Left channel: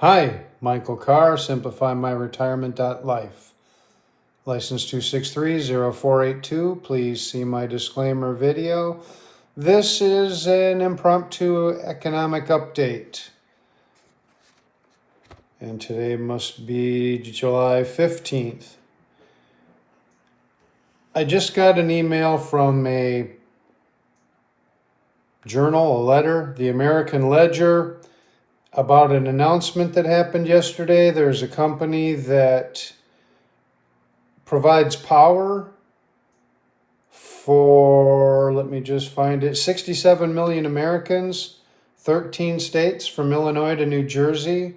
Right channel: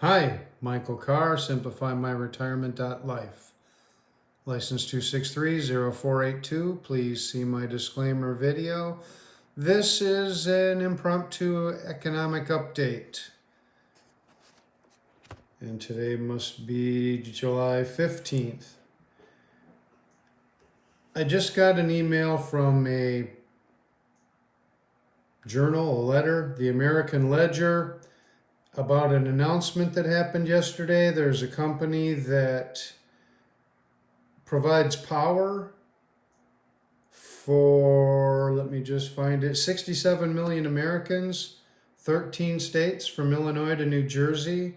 Hi, Michael Carr, Simplifymyretirement.life. License 2630482. Please see my disclaimer video. This is an impromptu economic update. And today must be July 15th. I just got an email from a journal, a letter, the American Ledger, about an announcement that happened yesterday. There's a company that provides power for, let me just find it, 67 million Americans, 13 states from Illinois to New Jersey.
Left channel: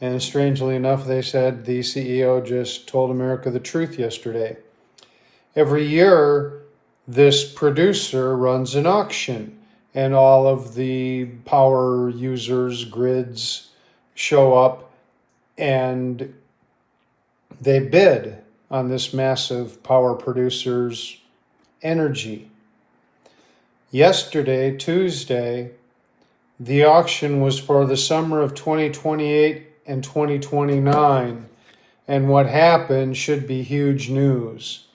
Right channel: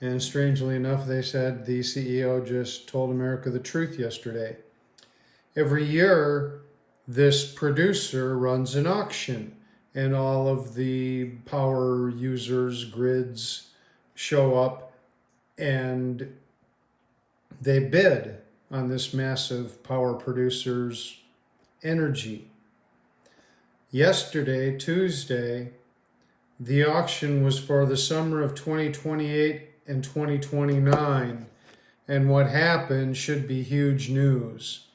And strangely enough, they said the CEO just told America the truth yesterday. Every year, this producer runs an auction, and all of the power users, grids, show up and they bid on this massive power producer's energy. Yesterday, Tuesday, the auction was for the summer of 2028 and 2029, and what happened should be huge news.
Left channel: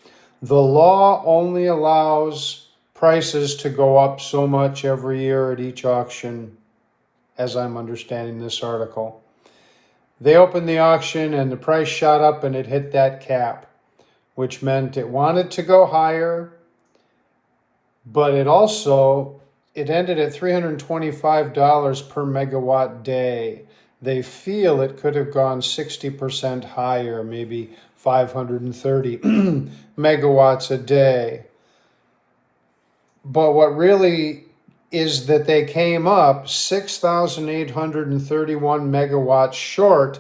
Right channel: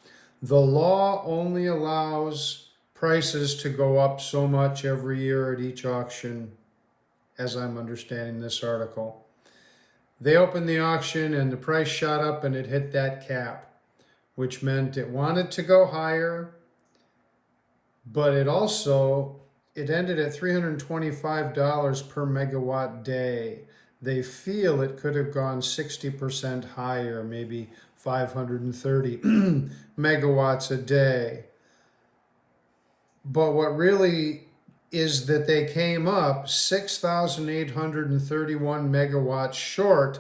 The law only allows prices to go up so much every year at each auction, as I'm understanding this article. They opened the auction and the price shot up and it hit that cap, which meant it wanted to go higher, but it ended at $325 per megawatt day. They feel it could have gone 60% higher, maybe 530 megawatts a day. But what really is that they came up 6,831 megawatts short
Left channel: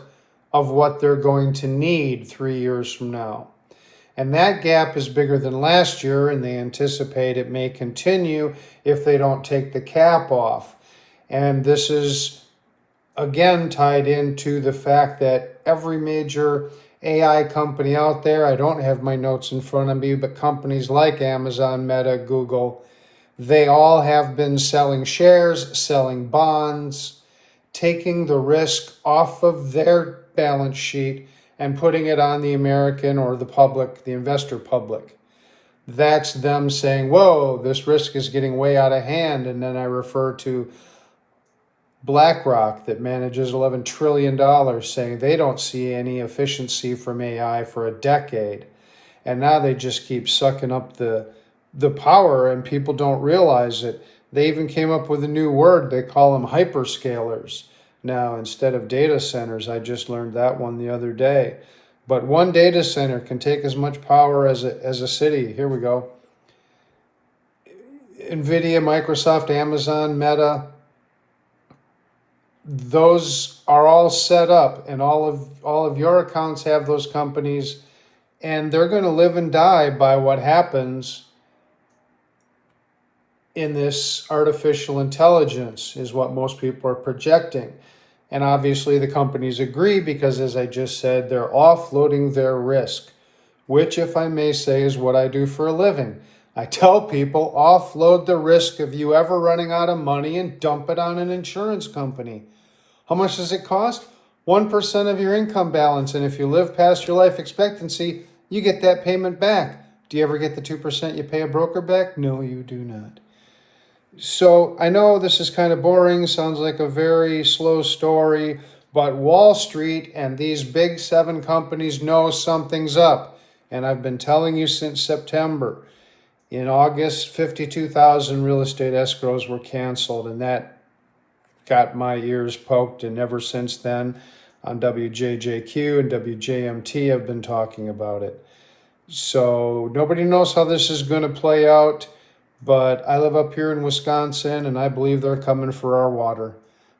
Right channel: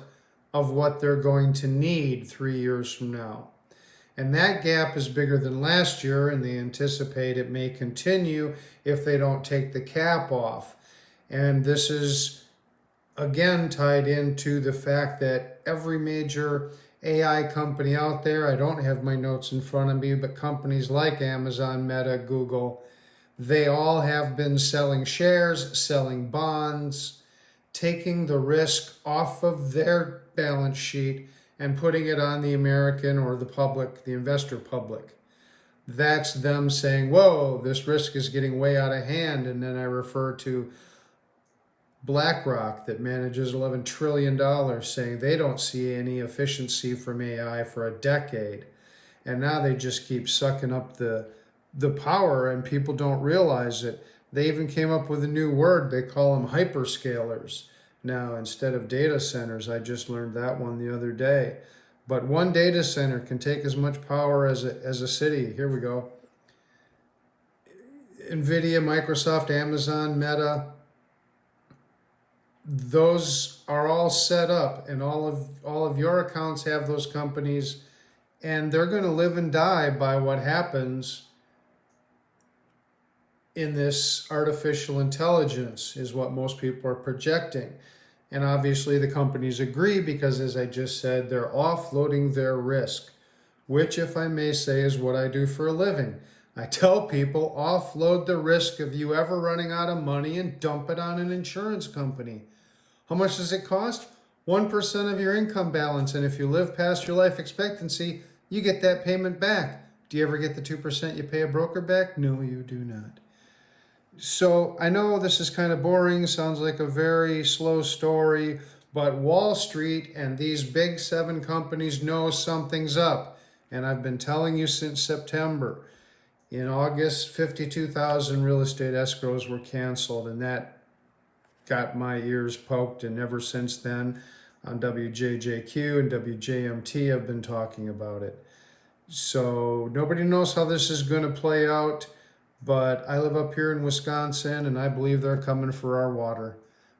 of what they're going to need 3 years from now. And that gap is bigger than last year, and they anticipate it may continue if they don't take the cap off. And this is, again, tied into the fact that every major AI company out there, I don't have my notes in front of me, but companies like Amazon, Meta, Google, they all have been selling shares, selling bonds, taking the risk off of their balance sheet and putting it on the American or the public, the investor public. That's them saying, whoa, this risk is getting way out of hand. And then I refer to BlackRock that manages $11 trillion saying they don't see any efficiency from AI for a decade. And now they just keep sucking up the power, and people don't realize it. They even came up with a new word. They call them hyperscalers now instead of data centers. I just learned that one the other day. But one data center can take as much power as a city. Here we go. NVIDIA, Microsoft, Amazon, Meta, those are all set up, and all of your accounts have those companies, and they're going to live and die by what happens in this artificial intelligence, is what most people are projecting. And obviously the companies agree because, as I just said, they're offloading their risk, which, if I may say, is what I do for a living. I tell people, offload the risk of you ever running out of money and dump it on an insurance company. How much does it cost? 1% of your income balance. And if you live past your life expectancy, you get that payment back. Do you ever get the 2% you pay a broker back? No, you do not. So I know this is kind of boring, sounds like a very slow story, but Wall Street and these big 7 companies know something's up. And I've been telling you since September. In August, 52,000 real estate escrows were canceled, and that got my ears poked. And ever since then, on WJJQ and WJMT, I've been talking about it. So nobody knows how this is going to play out. But I live up here in Wisconsin, and I believe they're coming for our water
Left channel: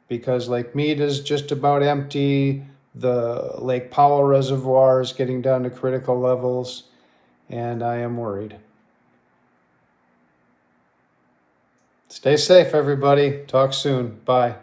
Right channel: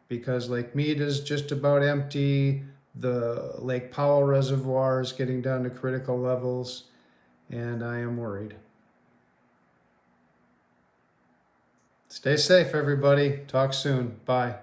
because Lake Mead is just about empty. The Lake Powell Reservoir is getting down to critical levels, and I am worried. Stay safe, everybody. Talk soon. Bye.